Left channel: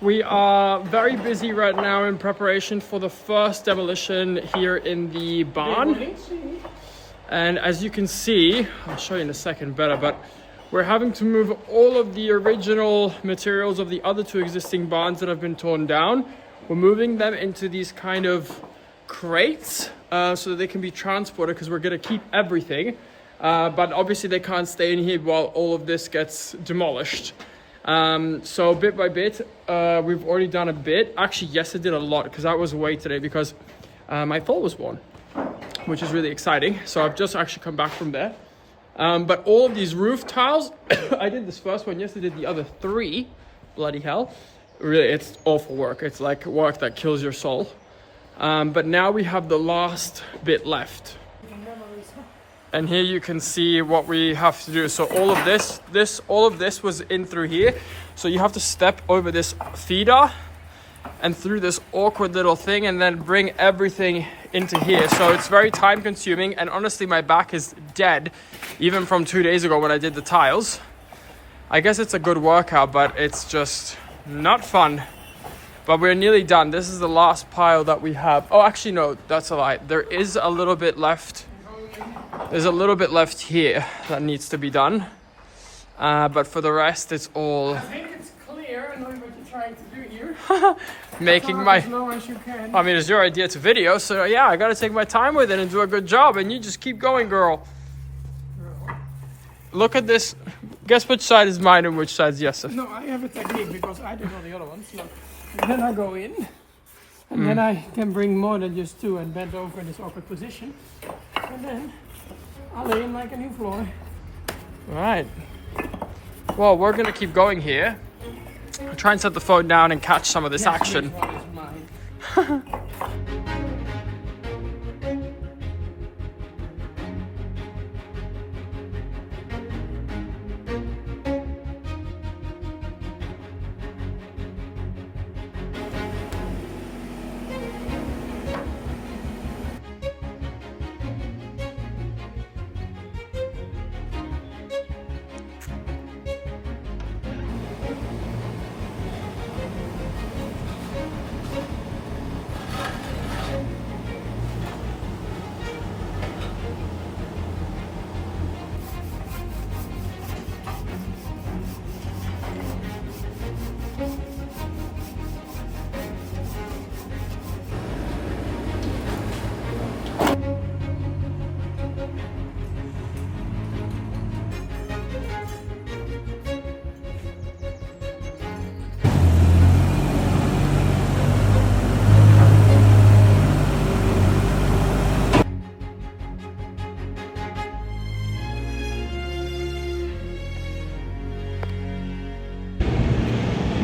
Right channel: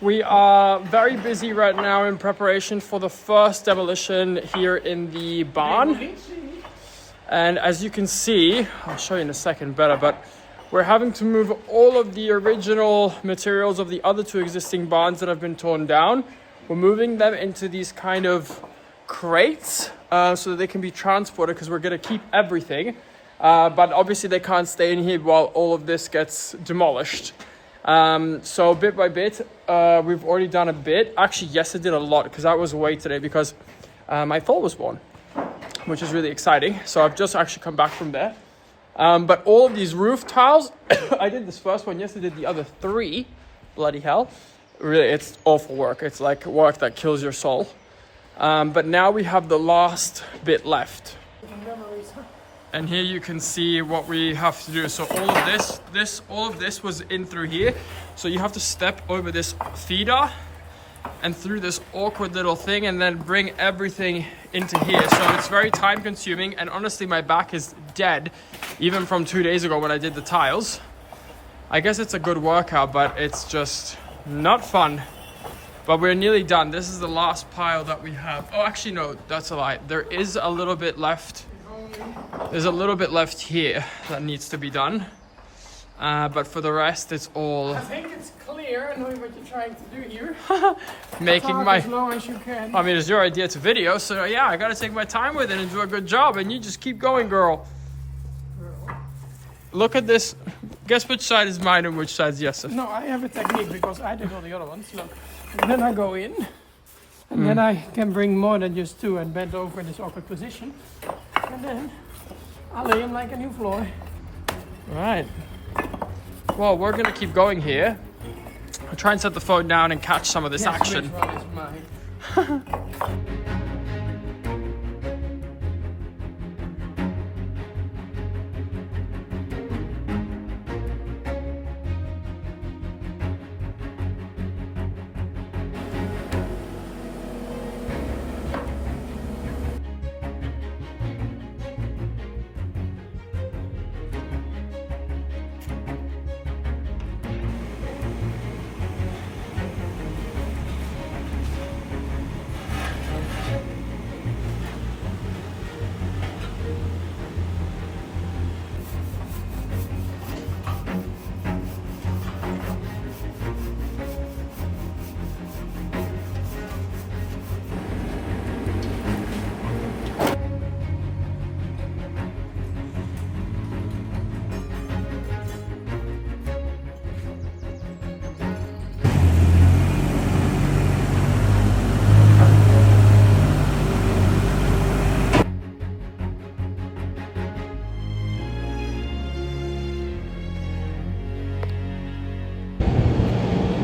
We are very busy right now in preparation for the first demolition here in the barn. And as you can see, I'll show you in a second better, but we're having to move all of the original materials of the other two existing barns that have been torn down. We're moving them into these kind of crates so that they can be transported, because we're going to keep everything. But obviously they can't stay in here while all of this gets demolished. So bit by bit, we've already done a bit. Actually, yes, I did a lot because I was away today because my fall was born, which is really exciting. So I've just actually come back from there. But all of these roof tiles, I did this first one. Yes, I did the other three. Bloody hell. Really, it's awful work. It's like work that kills your soul. But now we have the last bit left. And here you can see what we have to do. So all of this was in through here. So you have to step over this feeder and through this awkward little thing and then bring everything into here. So it's very time consuming, and honestly my back is dead even from 2 days ago when I did the tiles. I guess it's a good workout, but it's just not fun. But we're nearly done. This is the last pile that we have. Oh, actually no, that's a lie. There is a little bit left. There's a little bit left here that needs to be done. But for the rest, it's all... I think it's clear. I know what you're trying to do here. Making my... as low as you can. I mean, it's your idea to video, so yeah, I gotta take my time with it and do a good job, and you just keep going, girl. Look at this. Guess which side is mine and which side is Jesse's? No, I have a technique because I did all the other ones. Look. And then I go in, and then I can bring more than just two and bend over in this awkward position. And then I'll lay them like a new floor. Right. Well, we're gonna keep going here. I'll try and set the phone down and catch some of this action. Which one is mine?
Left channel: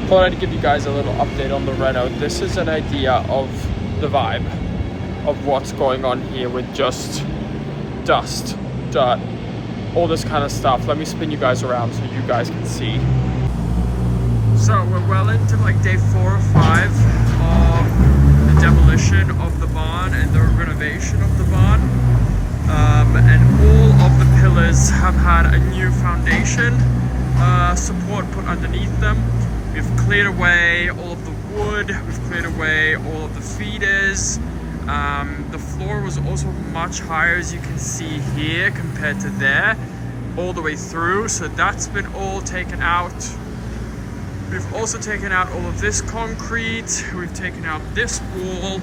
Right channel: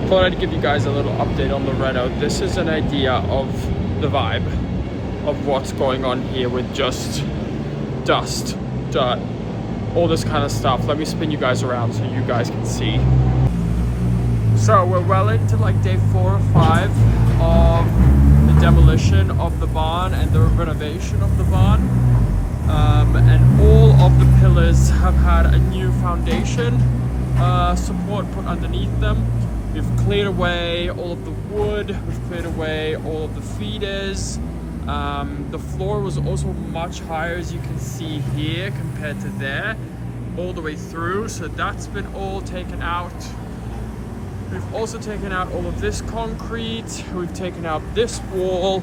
Thought I'd give you guys a little update on the reno. This is an idea of the vibe of what's going on here with just dust, dirt, all this kind of stuff. Let me spin you guys around so you guys can see. So we're well into like day 4 or 5 of the demolition of the barn and the renovation of the barn. And all of the pillars have had a new foundation support put underneath them. We've cleared away all of the wood, we've cleared away all of the feeders. The floor was also much higher, as you can see here, compared to there, all the way through. So that's been all taken out. We've also taken out all of this concrete. We've taken out this wall.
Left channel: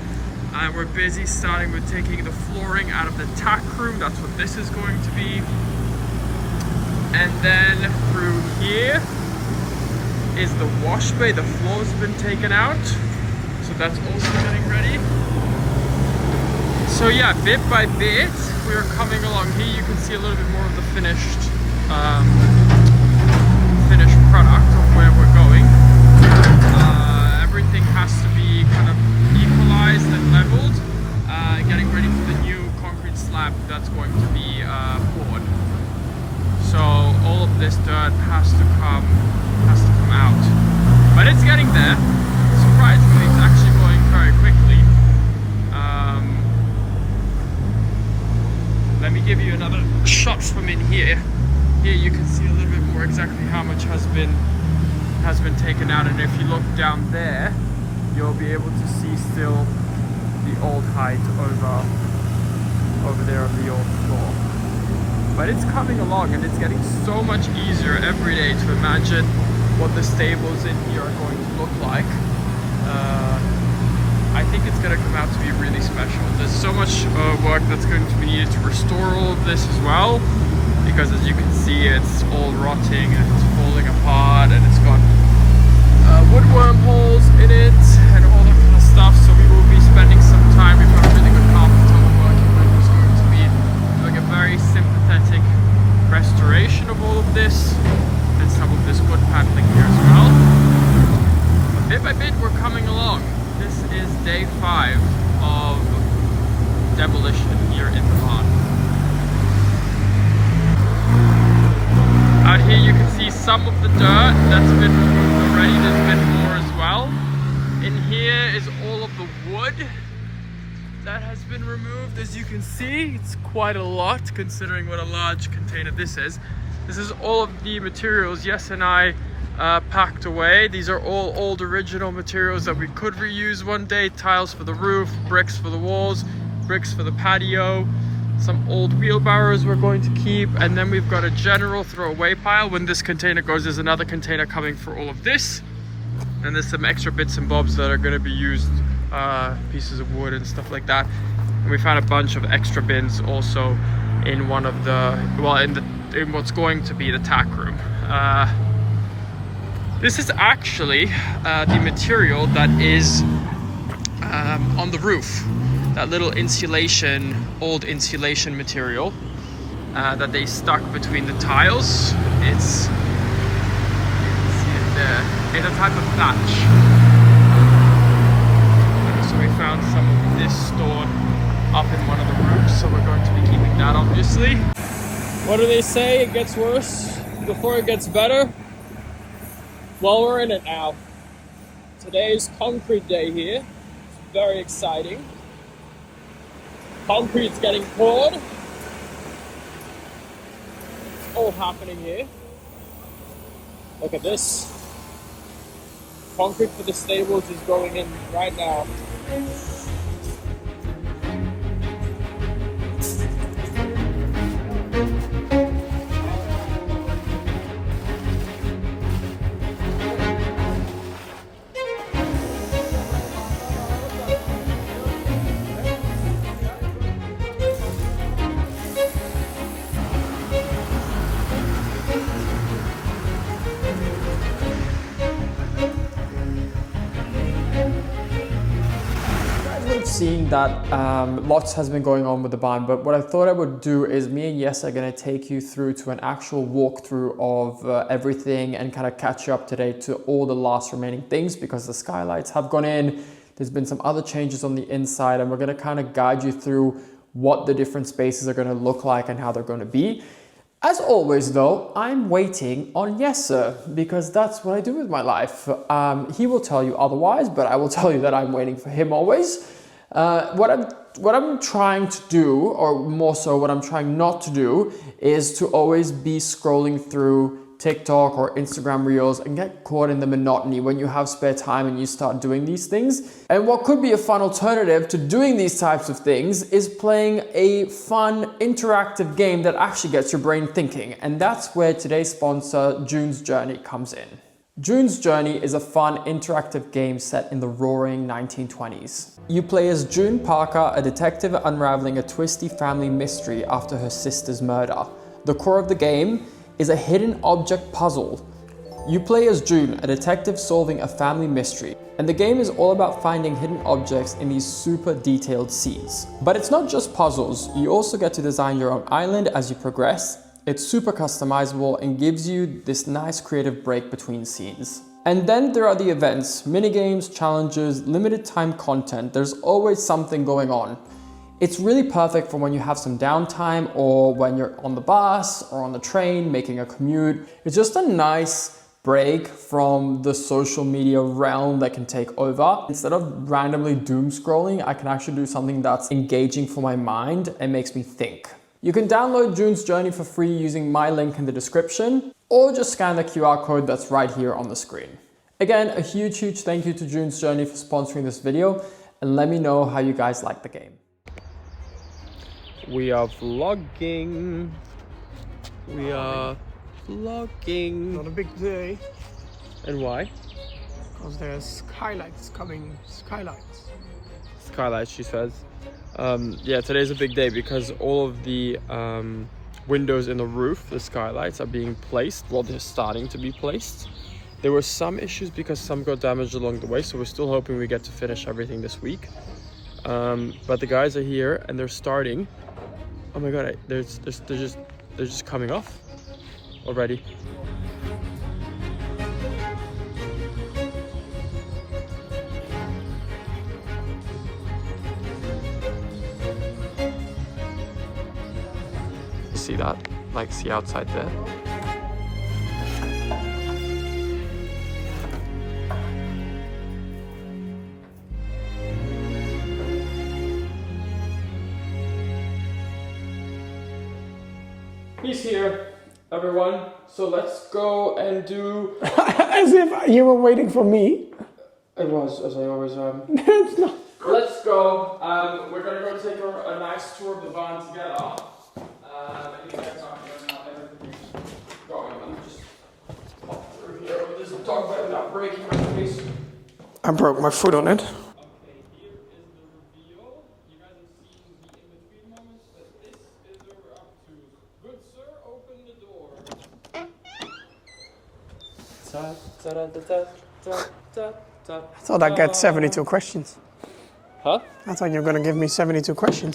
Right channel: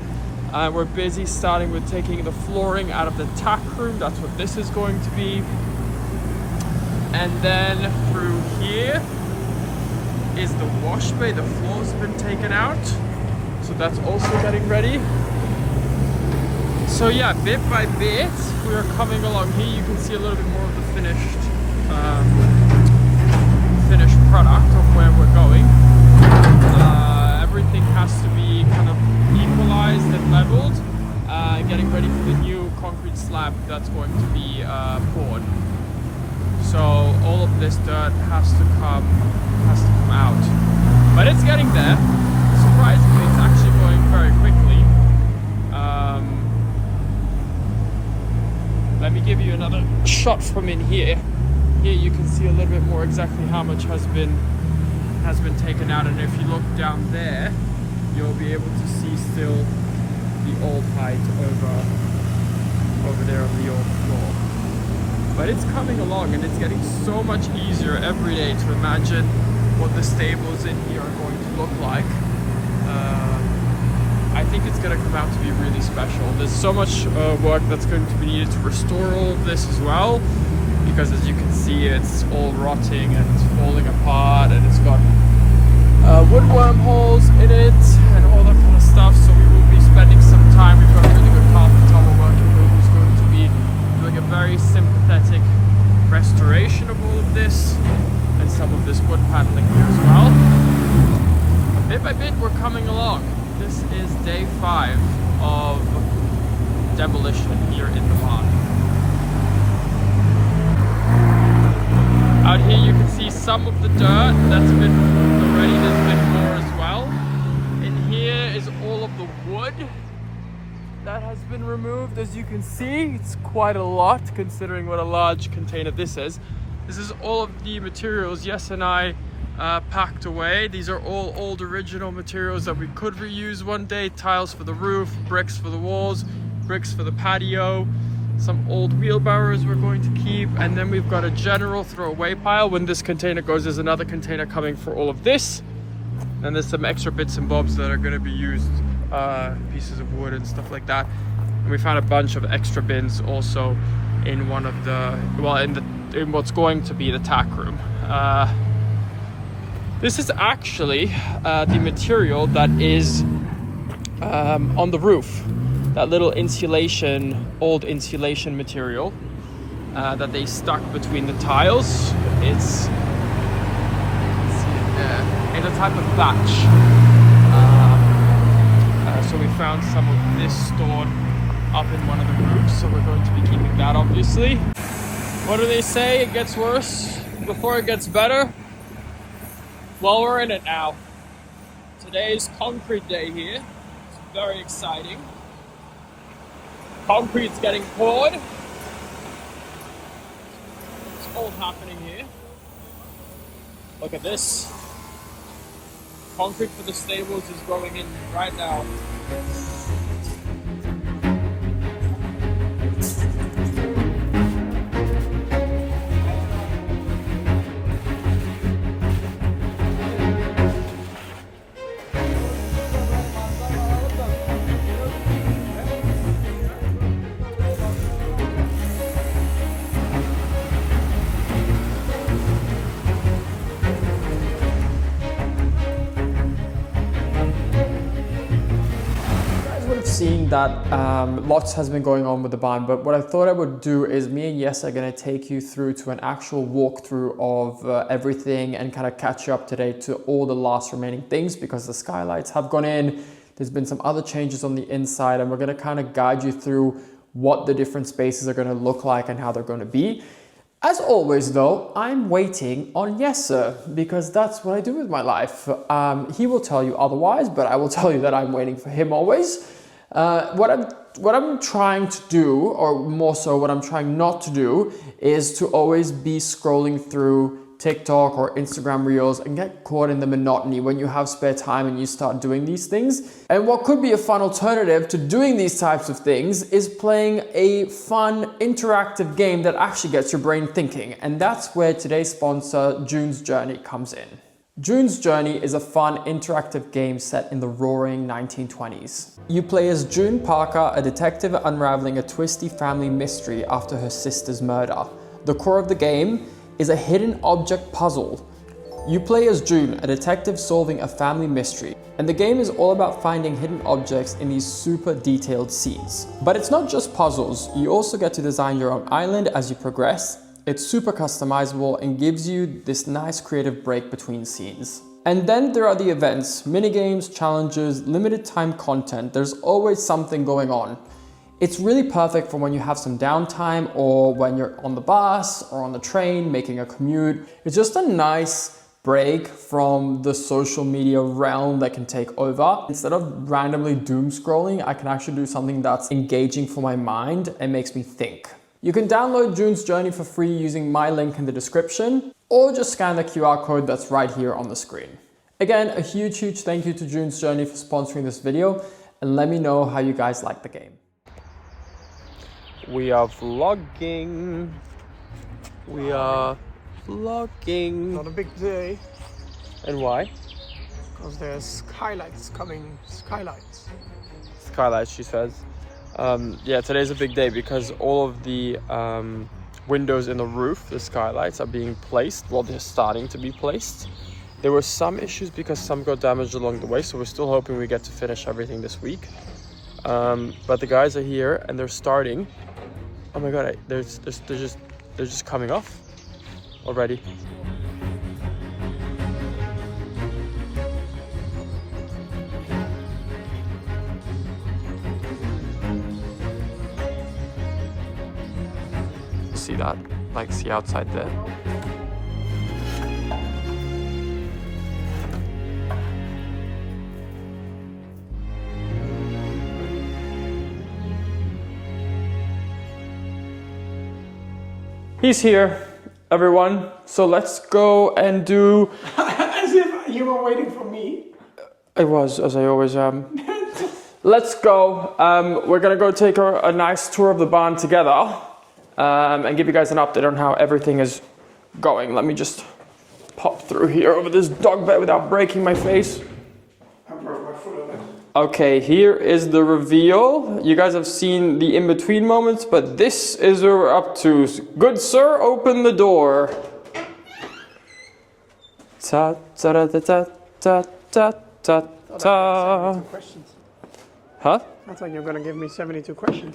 And we're busy starting with taking the flooring out of the tack room. That's what this is going to be. And then through here is the wash bay. The floor's been taken out, so that's also getting ready. So yeah, bit by bit we are coming along. Here you can see a little bit more of the finished product of where we're going. Everything has to be kind of equalized and leveled, getting ready for the new concrete slab that's going to be poured. So all of this dirt has to come out, but it's getting there. Surprisingly, it's actually going very quickly. Let me give you another shot from in here. Here you can see a little bit more exactly how much has been has been taken out, and if you look down there, you'll be able to see still the old height over there on the old floor. But it's coming along, and it's getting so much easier every day to imagine what the stables in here are going to look like. I think it's going to come out to be really special. There's so much work that's going to be needed to restore all of this as well, because as you can see, it's all rotting and it's falling apart, and it's got wood wormholes in it and all that kind of stuff. So we will be spending some time. We've got a really good carpenter we're working with who's going to be doing a very sympathetic restoration of all of this and some of this wood paneling here as well. But bit by bit, we're coming along. This is day 5 of demolition here in the barn. Out here you can see some of the dirt that's been removed already. There's been more as well. In here is all of the wood that has been removed. As you can see, it's quite a lot considering what a large container this is. This is all of the materials Yes and I packed away. These are all old original materials that we could reuse one day. Tiles for the roof, bricks for the walls, bricks for the patio, some old wheelbarrows we're going to keep, and then we've got a general throwaway pile. When this container goes, there's another container coming for all of this, and there's some extra bits and bobs that are going to be used, pieces of wood and stuff like that. And we found a bunch of extra bins also in one of the, well, in what's going to be the tack room. This is actually the material that is on the roof. That little insulation, old insulation material that they stuck between the tiles. It's, you can see it there. It's a type of thatch. So we found some of this stored up in one of the roofs, so we're going to be keeping that, obviously. What do they say? It gets worse before it gets better. Well, we're in it now. Today is concrete day here. It's very exciting. Concrete's getting poured. It's all happening here. Look at this. Concrete for the stables is going in right now. Seen that lots has been going on with the barn, but what I thought I would do is me and Yes are going to take you through to an actual walkthrough of everything and kind of catch you up today to all the last remaining things, because the skylights have gone in. There's been some other changes on the inside, and we're going to kind of guide you through what the different spaces are going to look like and how they're going to be. As always though, I'm waiting on Yes sir, because that's what I do with my life. He will tell you otherwise, but I will tell you that I'm waiting for him always. What I'm trying to do, or more so what I'm trying not to do, is to always be scrolling through TikTok or Instagram Reels and get caught in the monotony when you have spare time and you start doing these things. And what could be a fun alternative to doing these types of things is playing a fun interactive game that actually gets your brain thinking. And that's where today's sponsor, June's Journey, comes in. June's Journey is a fun interactive game set in the roaring 1920s. You play as June Parker, a detective unraveling a twisty family mystery after her sister's murder. The core of the game is a hidden object puzzle. You play as June, a detective solving a family mystery, and the game is all about finding hidden objects in these super detailed scenes. But it's not just puzzles, you also get to design your own island as you progress. It's super customizable and gives you this nice creative break between scenes. And then there are the events, minigames, challenges, limited time content. There's always something going on. It's really perfect for when you have some downtime, or when you're on the bus or on the train making a commute. It's just a nice break from the social media realm that can take over. Instead of randomly doom scrolling, I can actually do something that's engaging for my mind and makes me think. You can download June's Journey for free using my link in the description. or just scan the QR code that's right here on the screen. Again, a huge thank you to June's Journey for sponsoring this video, and let me know how you guys like the game. We are vlogging. We are vlogging. Not a big day. And why? Because there's Skylights coming. Skylights, she says. Yeah, today's a big day because all of the windows in the roof, the skylights, are being placed. Well, they're starting to be placed. There were some issues because some got damaged along the way, so we're still hoping we get to finish everything this week. But the guys are here and they're starting. Oh my god, they're just coming off already. See that? Like, see outside there? He's here, everyone. So let's go and do... As if you were waiting for me. I was, as I always am. Let's go. We're gonna go take a nice tour of the barn together and give you guys an update on how everything is going. Let me just pop through here over this dog bed without breaking my face. I broke my foot on it. Okay, here is the reveal. You guys have seen the in-between moments, but this is what we're up to. Good sir, open the door. Ta ta ta ta ta ta ta. I thought I'd get 72 questions. Huh? I thought you were gonna give me 72 questions.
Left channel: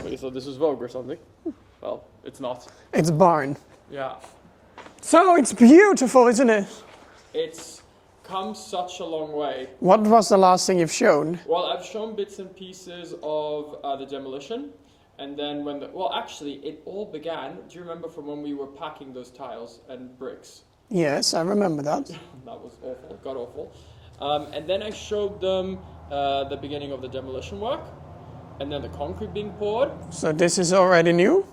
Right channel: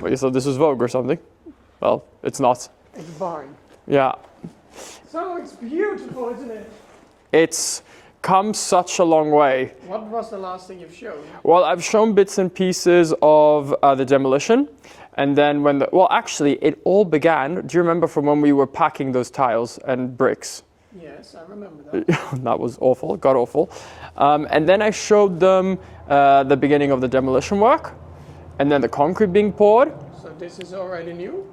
Well, you thought this was Vogue or something? Well, it's not. It's barn. Yeah. So it's beautiful, isn't it? It's come such a long way. What was the last thing you've shown? Well, I've shown bits and pieces of the demolition. And then when well, actually, it all began, do you remember from when we were packing those tiles and bricks? Yes, I remember that. That was awful, god awful. And then I showed them the beginning of the demolition work. And then the concrete being poured. So this is already new?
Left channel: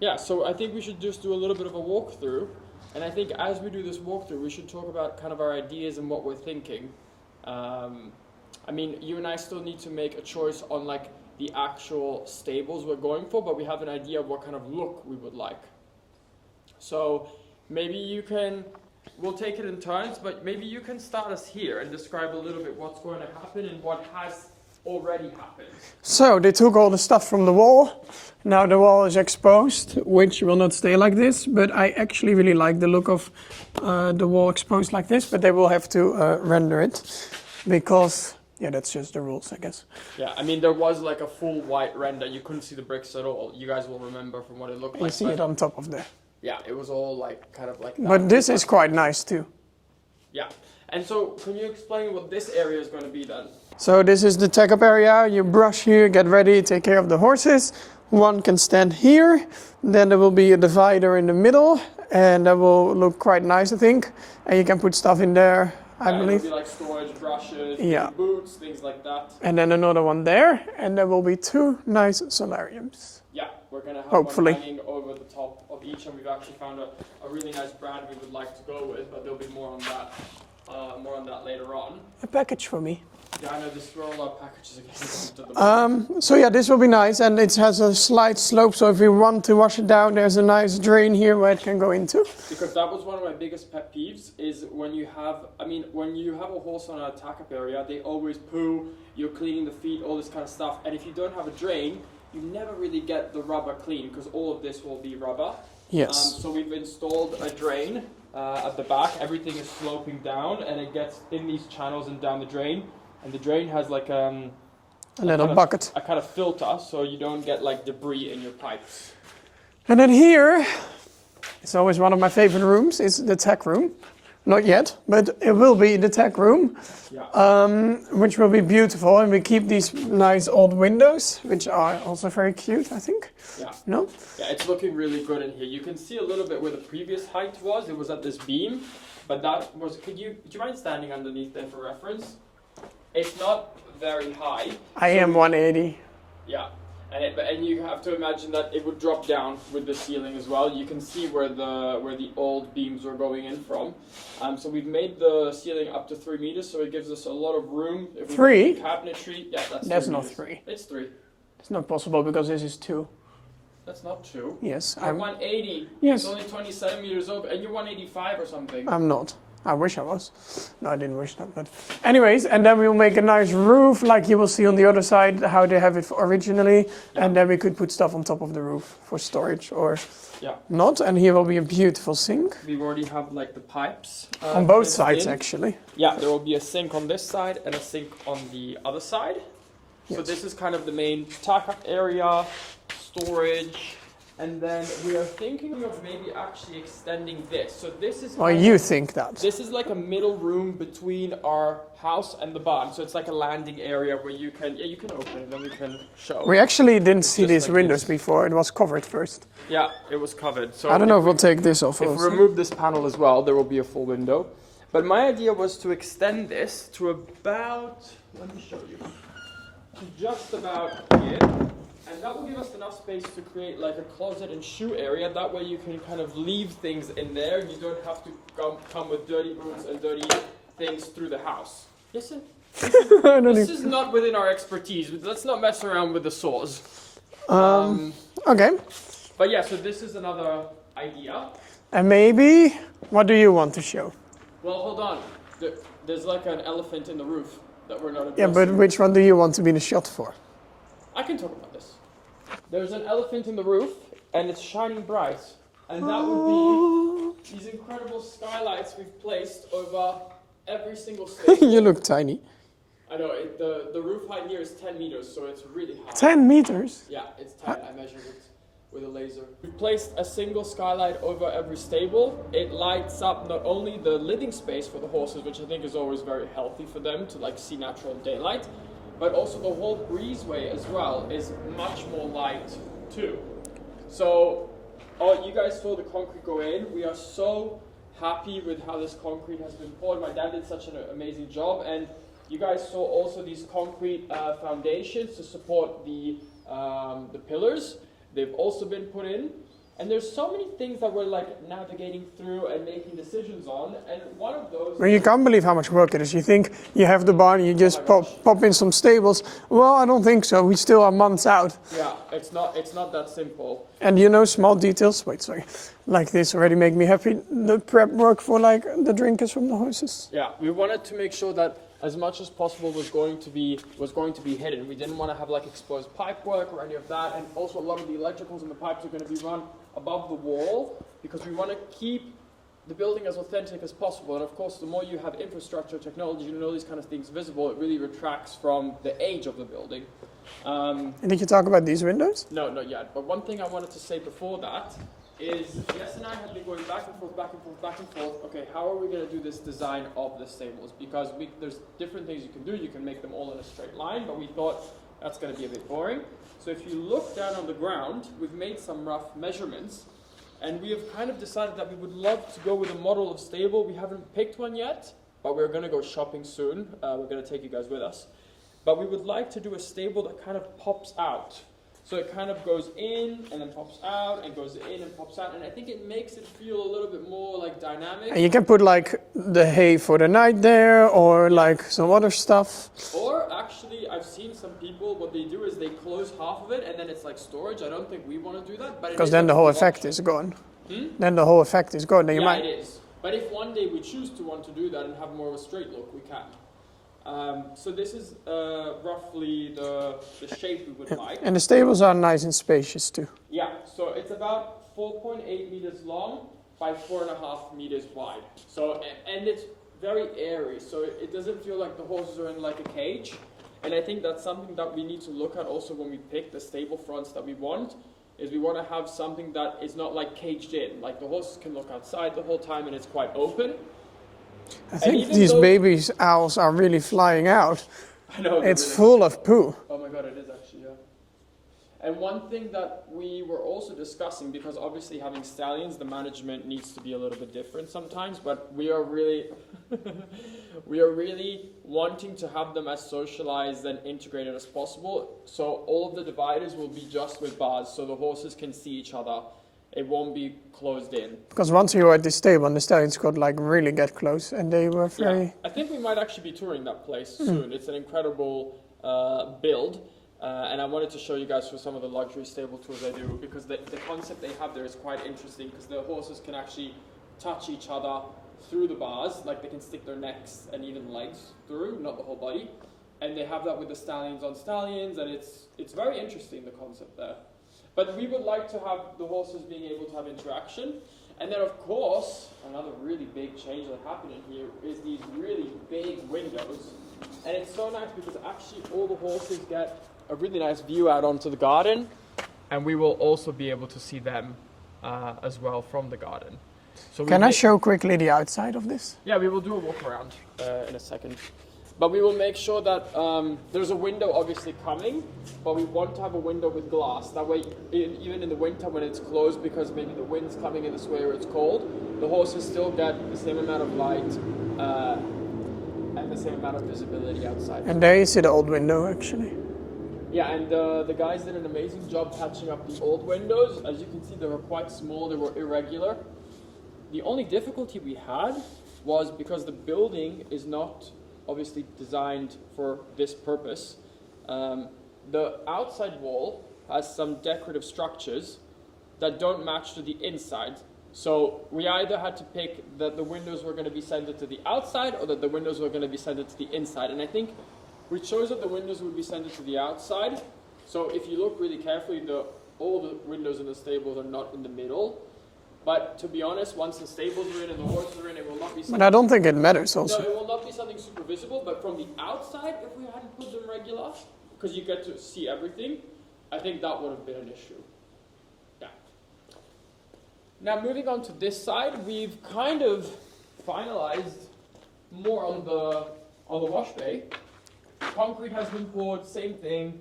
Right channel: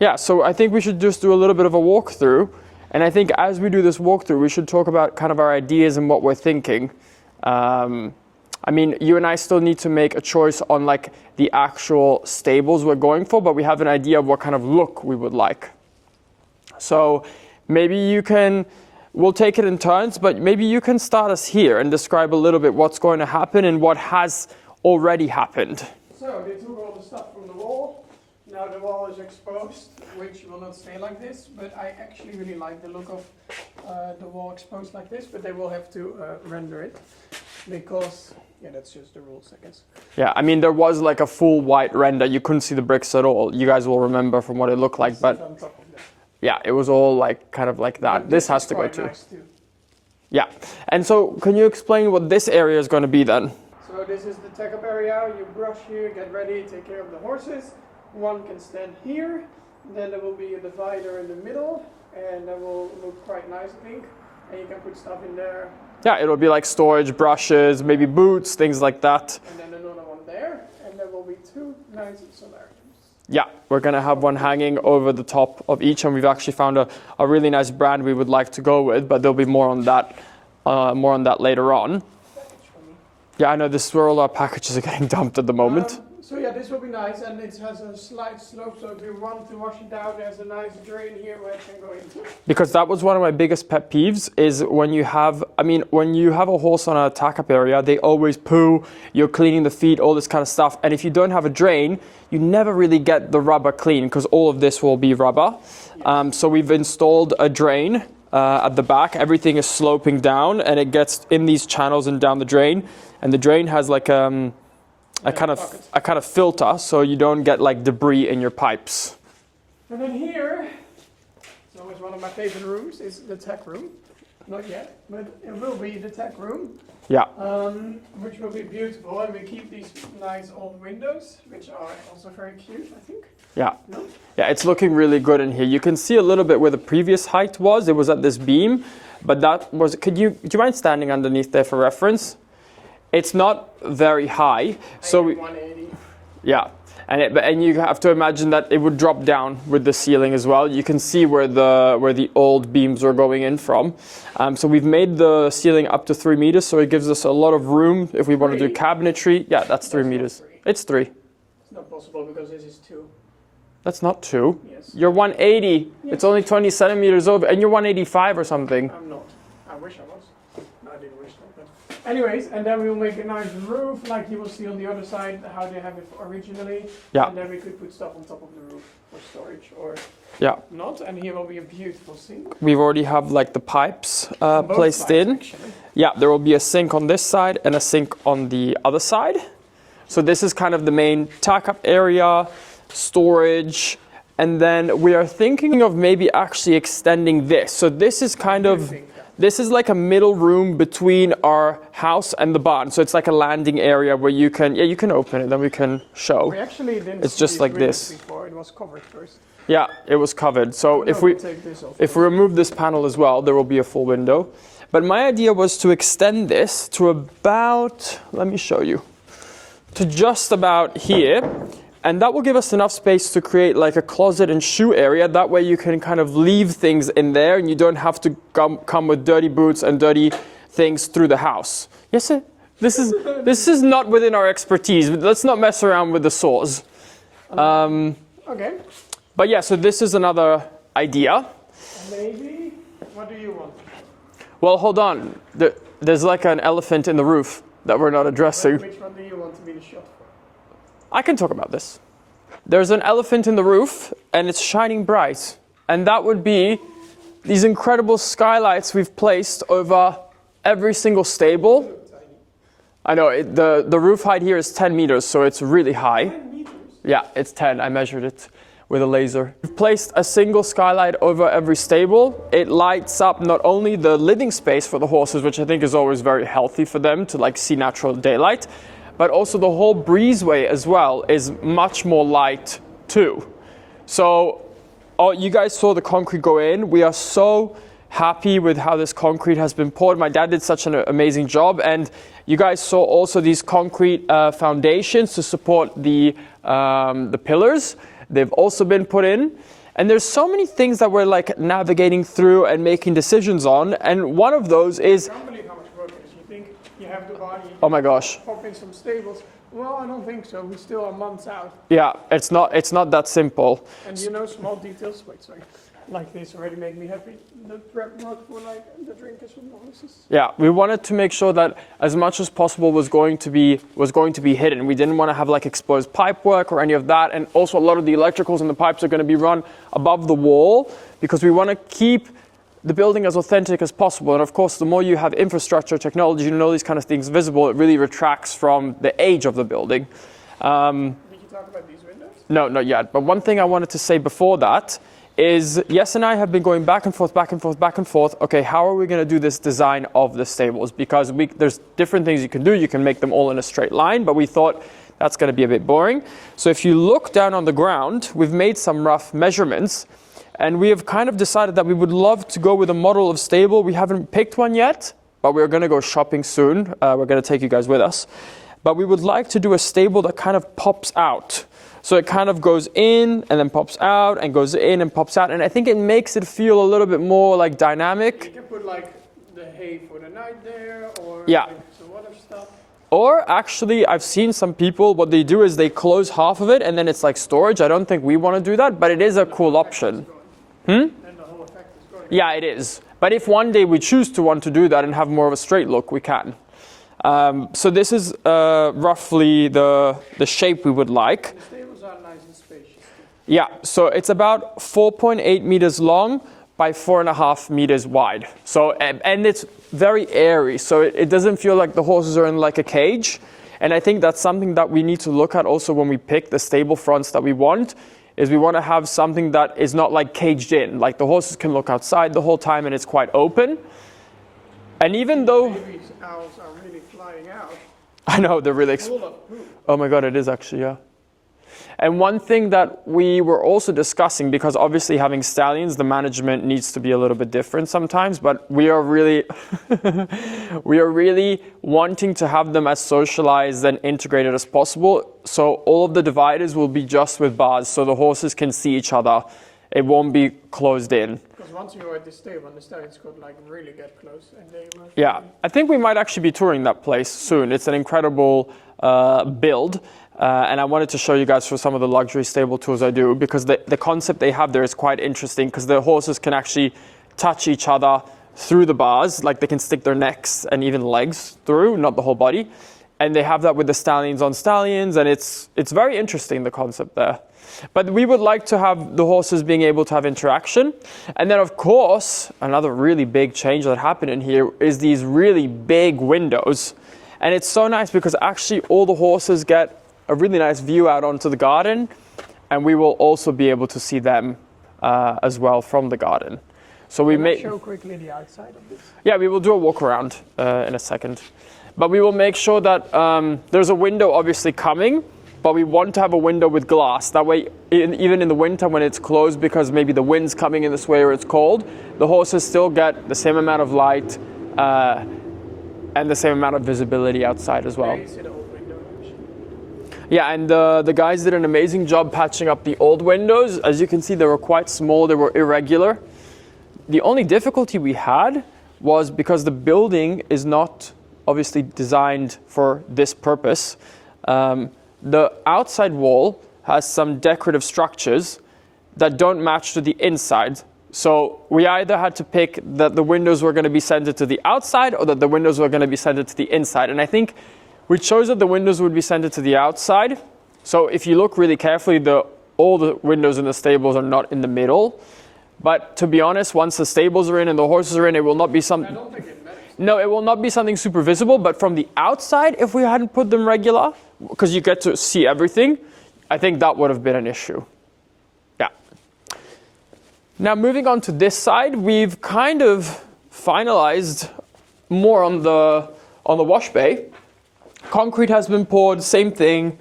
Yeah, so I think we should just do a little bit of a walkthrough. And I think as we do this walkthrough, we should talk about kind of our ideas and what we're thinking. I mean, you and I still need to make a choice on like the actual stables we're going for, but we have an idea of what kind of look we would like. So maybe you can, we'll take it in turns, but maybe you can start us here and describe a little bit what's going to happen and what has already happened. So they took all the stuff from the wall. Now the wall is exposed, which will not stay like this, but I actually really like the look of the wall exposed like this, but they will have to render it because, yeah, that's just the rules, I guess. Yeah, I mean, there was like a full white render. You couldn't see the bricks at all. You guys will remember from what it looked like. See it on top of there. Yeah, it was all like kind of like that. But this is quite nice too. Yeah, and so can you explain what this area is going to be then? So this is the tech up area. You brush here, get ready, take care of the horses. One can stand here, then there will be a divider in the middle, and that will look quite nice, I think. And you can put stuff in there. Yeah, it'll be like storage, brushes, maybe boots, things like that. And then another one there, and there will be two nice solariums. Yeah, we're gonna have one hanging over the top of each, and we've actually found a really nice brand we would like to go with, but there'll be more on that later on. A package for me. Yeah, I know, this is where all our packages are getting dumped at the moment. So yeah, this will be nice, and it has a slight slope, so if you want to wash it down, there's a nice drain here where it can go into. Because that was one of my biggest pet peeves, is when you have, when you have a horse on a tack-up area, they always poo, you're cleaning the feet, all this kind of stuff, and if you don't have a drain, you never really get the rubber clean, because all of this will be rubber. Yes. So we've installed a drain at the back, everything is sloping down, and it gets in these channels and down the drain. And the drain has like a kind of filter, so you don't get like debris in your pipes. And then here, it's always one of my favorite rooms, is the tech room. Not yet, but it will be the tech room. Yeah. Which will be beautiful, and we keep these nice old windows, which are also very cute, I think. Yeah. No? Yeah, it's looking really good in here. You can see a little bit where the previous height was. It was at this beam, but that was. Do you mind standing underneath there for reference? It's not very high. I am 180. Yeah, And you have to imagine that it would drop down with the ceiling as well. You can see where the old beams were going in from. So we've made the ceiling up to 3 meters, so it gives us a lot of room if we want to do cabinetry. Yeah, that's 3 meters. Not 3. It's 3. It's not possible because this is 2. That's not 2. Yes. You're 180. Yes. It's only 20 centimeters over, and you're 185 or something. I'm not. I wish I was. No, I didn't wish that, but anyways, and then we'll make a nice roof like you will see on the other side how they have it originally. Yeah. And then we could put stuff on top of the roof for storage or Yeah. not. And here will be a beautiful sink. We've already have like the pipes On both placed sides, in. actually. Yeah, there will be a sink on this side and a sink on the other side. So this is kind of the main tack-up area, storage, and then we are thinking of maybe actually extending this. So this is kind you of... think that? This is like a middle room between our house and the barn. So it's like a landing area where you can... Yeah, you can open it, then we can show. We actually didn't see just these like windows this. before. It was covered first. Yeah, it was covered. So I don't know if if we we'll take this off. If we remove this panel as well, there will be a full window. But my idea was to extend this to about... Let me show you. To just about here. And that will give us enough space to create like a closet and shoe area. That way you can kind of leave things in there and you don't have to come with dirty boots and dirty things through the house. Yes, sir? This is, this is not within our expertise. Let's not mess around with the saws. Okay. But yeah, so this is another idea. And maybe, what do you want to show? Well, hold on. There's like an elephant in the roof that we're not addressing. But which one do you want to be the shot for? I can talk about this. There's an elephant in the roof and it's shining bright. And that would be these incredible skylights we've placed over every single stable. You look tiny. I know, the roof height here is 10 meters, so it's really high. 10 meters? Yeah, it's 10. I measured it with a laser. We've placed a single skylight over every stable. It lights up not only the living space for the horses, which I think is always very healthy for them to like see natural daylight, but also the whole breezeway as well is much more light too. So you guys saw the concrete go in. We are so happy with how this concrete has been poured. My dad did such an amazing job, and you guys saw also these concrete foundations to support the pillars. They've also been put in. And there's so many things that we're like navigating through and making decisions on. And one of those is... You can't believe how much work it is. You think you have the barn, you just pop in some stables. Well, I don't think so. We still are months out. Yeah, it's not that simple. And you know, small details, wait, sorry, like this already make me happy. The prep work for like the drinkers from the horses. Yeah, we wanted to make sure that as much as possible was going to be hidden. We didn't want to have like exposed pipe work or any of that. And also a lot of the electricals and the pipes are going to be run above the wall because we want to keep the building as authentic as possible. And of course, the more you have infrastructure, technology, and all these kind of things visible, it really retracts from the age of the building. Did you talk about these windows? No, not yet. But one thing I wanted to say before that is Yes and I have been going back and forth, back and forth, back and forth. Okay, how are we going to do this design of the stables? Because there's different things you can do. You can make them all in a straight line, but we thought that's going to be a bit boring. So if you look down on the ground, we've made some rough measurements, and we have kind of decided that we would love to go with a model of stable. We haven't picked one yet, but we're going to go shopping soon. We're going to take you guys with us. But we would like to do a stable that kind of pops out. So it kind of goes in and then pops out and goes in and pops out. And I think it makes it feel a little bit more like dynamic. And you can put like the hay for the night there or like some other stuff. Or actually, I've seen some people, what they do is they close half of it and then it's like storage. I don't think we want to do that, but it is a cool option. Is gone. Then the whole effect is gone. Yeah, it is. But if one day we choose to want to do that and have more of a straight look, we can. So this is roughly the shape we would like. And the stables are nice and spacious too. Yeah, so it's about 4.8 meters long by 4.5 meters wide. So, and it's very airy, so it doesn't feel like the horses are in like a cage. And I think that's something that we need to look at also when we pick the stable fronts that we want, is we want to have something that is not like caged in. Like the horses can look outside the whole time and it's quite open. And even these baby owls are really flying out. I know, they're really... It's full of poo. Oh my God, it is actually, yeah. And one thing that we were also discussing, because obviously having stallions, the management needs to be a little bit different sometimes, but we are really, we are really wanting to have them as socialized and integrated as possible. So all of the dividers will be just with bars, so the horses can see each other. It won't be closed in. Because once you were at this stable, the stallions could like really get close, and they were very... Yeah, I think we might actually be touring that place soon. It's an incredible build. And I wanted to show you guys for some of the luxury stable tours I do, because the concept they have there is quite interesting, because the horses can actually touch each other through the bars, like they can stick their necks and even legs through, not the whole body. And they have that with the stallions on stallions, and it's very interesting, the concept there. But we would like to have the horses being able to have interaction. And then of course, another really big change that happened in here is these really big windows. And it's so nice because actually all the horses get a really nice view out onto the garden, and we will also be able to see them as well from the garden. So Can I show quickly the outside of this? Yeah, we will do a walk around in a second. But we will make sure that there's a window obviously coming, but we want to have a window with glass. That way, even in the winter when it's closed because maybe the wind's coming in this way or it's cold, the horses still get the same amount of light and the same amount of visibility outside as well. And there you see the old window actually. Yeah, and the guys did an amazing job patching up the old windows. As you can see, they were quite small, they were irregular. The only difficulty we had was because the building is not obviously designed for this purpose. The outside wall has some decorative structures that don't match to the inside. So we either had to pick that the windows were going to be centered to the outside or that the windows were going to be centered to the inside. And I think we chose that the windows would be centered to the outside. So if you look really carefully, all the windows in the stables are not in the middle. But to be honest, once the stables are in and the horses are in, it will not be something... I don't think it matters also. No, it will not be something super visible. But from the outside, if we hadn't put them regular, because you get to see everything, I think that would have been an issue. Yeah. Now moving on to this side, we've kind of finalized more on the wash bay. Concrete has been poured, same thing,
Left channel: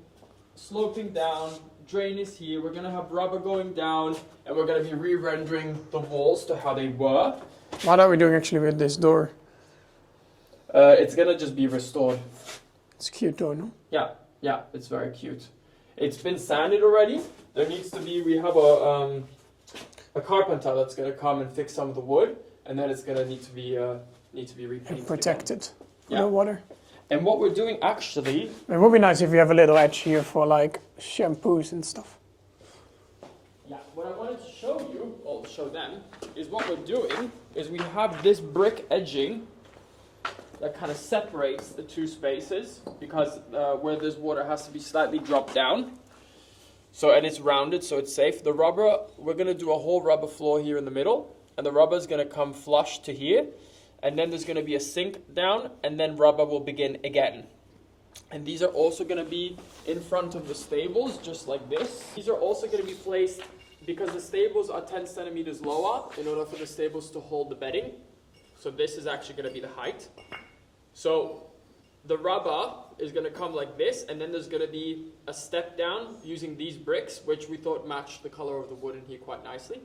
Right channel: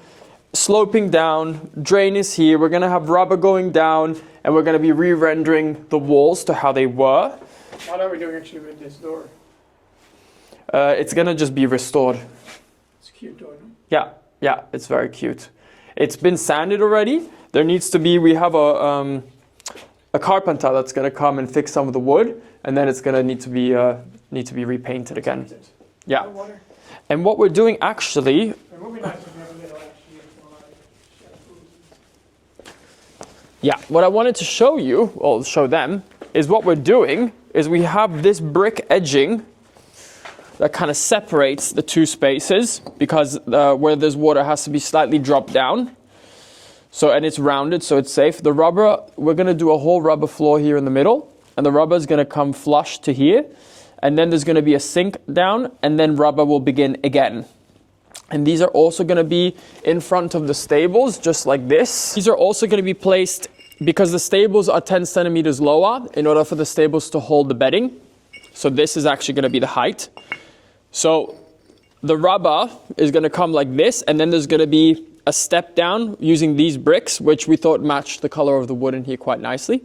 sloping down, drain is here. We're gonna have rubber going down, and we're gonna be re-rendering the walls to how they were. What are we doing actually with this door? It's gonna just be restored. It's cute though, no? Yeah, it's very cute. It's been sanded already. There needs to be, we have a carpenter that's gonna come and fix some of the wood, and then it's gonna need to be repainted Protected. again. Yeah. No water. And what we're doing actually... It would be nice if you have a little edge here for like shampoos and stuff. Yeah, what I wanted to show you, or show them, is what we're doing is we have this brick edging that kind of separates the two spaces because where there's water has to be slightly dropped down. So, and it's rounded so it's safe. The rubber, we're gonna do a whole rubber floor here in the middle, and the rubber is gonna come flush to here. And then there's going to be a sink down, and then rubber will begin again. And these are also going to be in front of the stables, just like this. These are also going to be placed, because the stables are 10 centimeters lower, in order for the stables to hold the bedding. So this is actually going to be the height. So the rubber is going to come like this, and then there's going to be a step down using these bricks, which we thought matched the color of the wood in here quite nicely.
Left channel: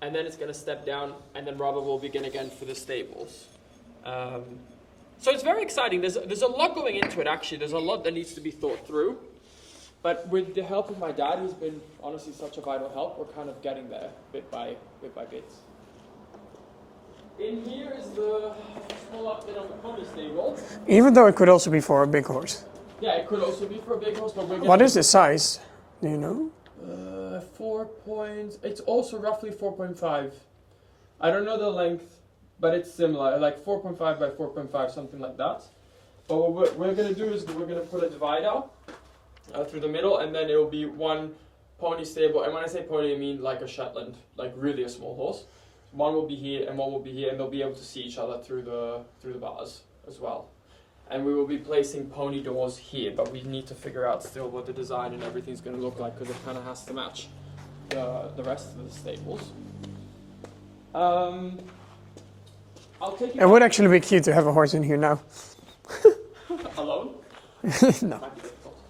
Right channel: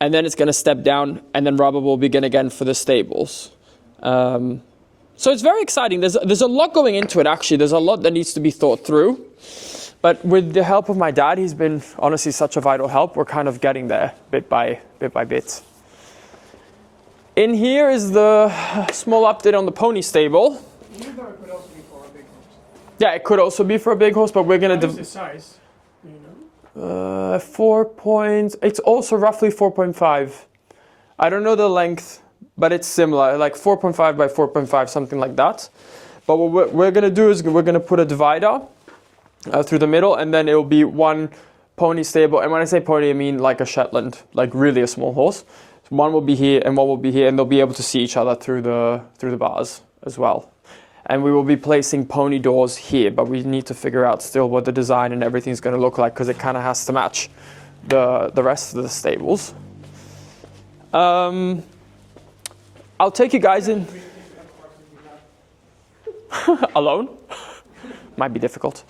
And then it's going to step down, and then rubber will begin again for the stables. So it's very exciting. There's a lot going into it, actually. There's a lot that needs to be thought through. But with the help of my dad, he's been honestly such a vital help. We're kind of getting there bit by bit. In here is the small update on the pony stable. Even though it could also be for a big horse. Yeah, it could also be for a big horse, but we're going to... What is the size? Do you know? It's also roughly 4.5. I don't know the length, but it's similar, like 4.5 by 4.5, something like that. But what we're gonna do is we're gonna put a divider through the middle, and then it'll be one pony stable. And when I say pony, I mean like a Shetland, like really a small horse. One will be here and one will be here, and they'll be able to see each other through the bars as well. And we will be placing pony doors here, but we need to figure out still what the design and everything's going to look like, because it kind of has to match the rest of the stables. I'll take you guys. It would actually be cute to have a horse in here now. Alone? No. Might be difficult.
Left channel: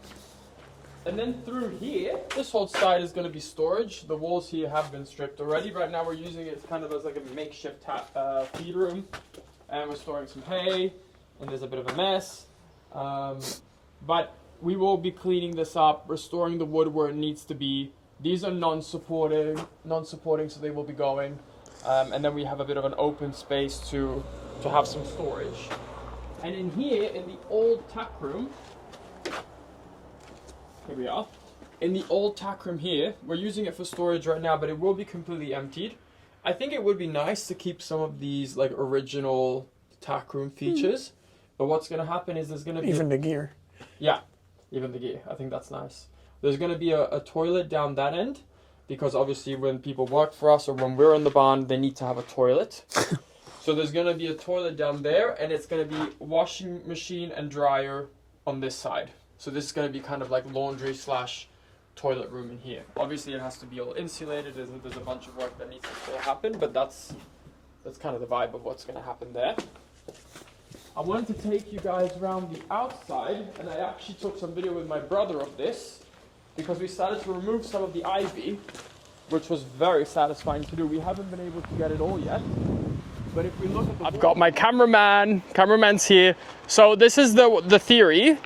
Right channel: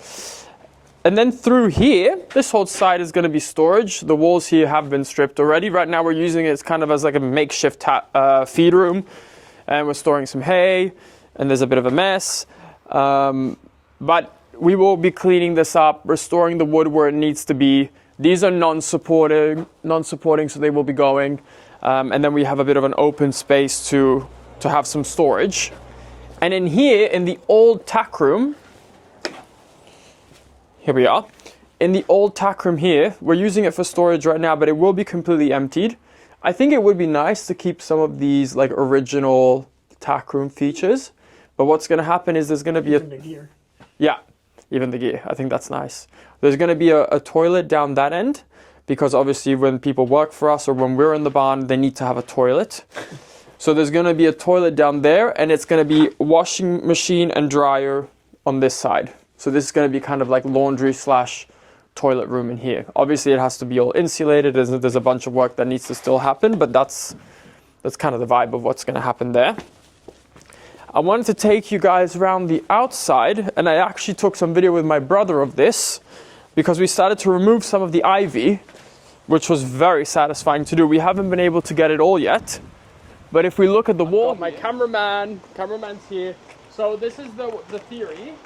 And then through here, this whole side is going to be storage. The walls here have been stripped already. Right now we're using it as kind of as like a makeshift feed room. And we're storing some hay, and there's a bit of a mess. But we will be cleaning this up, restoring the wood where it needs to be. These are non-supporting, so they will be going. And then we have a bit of an open space to have some storage. And in here, in the old tack room, here we are. In the old tack room here, we're using it for storage right now, but it will be completely emptied. I think it would be nice to keep some of these like original tack room features. But what's going to happen is there's going to be Even the gear. Yeah, even the gear. I think that's nice. There's going to be a toilet down that end, because obviously when people work for us or when we're in the barn, they need to have a toilet. So there's going to be a toilet down there, and it's going to be washing machine and dryer on this side. So this is going to be kind of like laundry / toilet room in here. Obviously it has to be all insulated. There's a bunch of work that needs to still happen, but that's kind of the vibe of what's going to happen there. I wanted to take you guys around the outside, and I actually took some video with my brother of this, because we started to remove some of the ivy, which was very satisfying to do. We haven't been able to get it all yet, but if we look at the wall, got my cameraman's here. So this is the theory.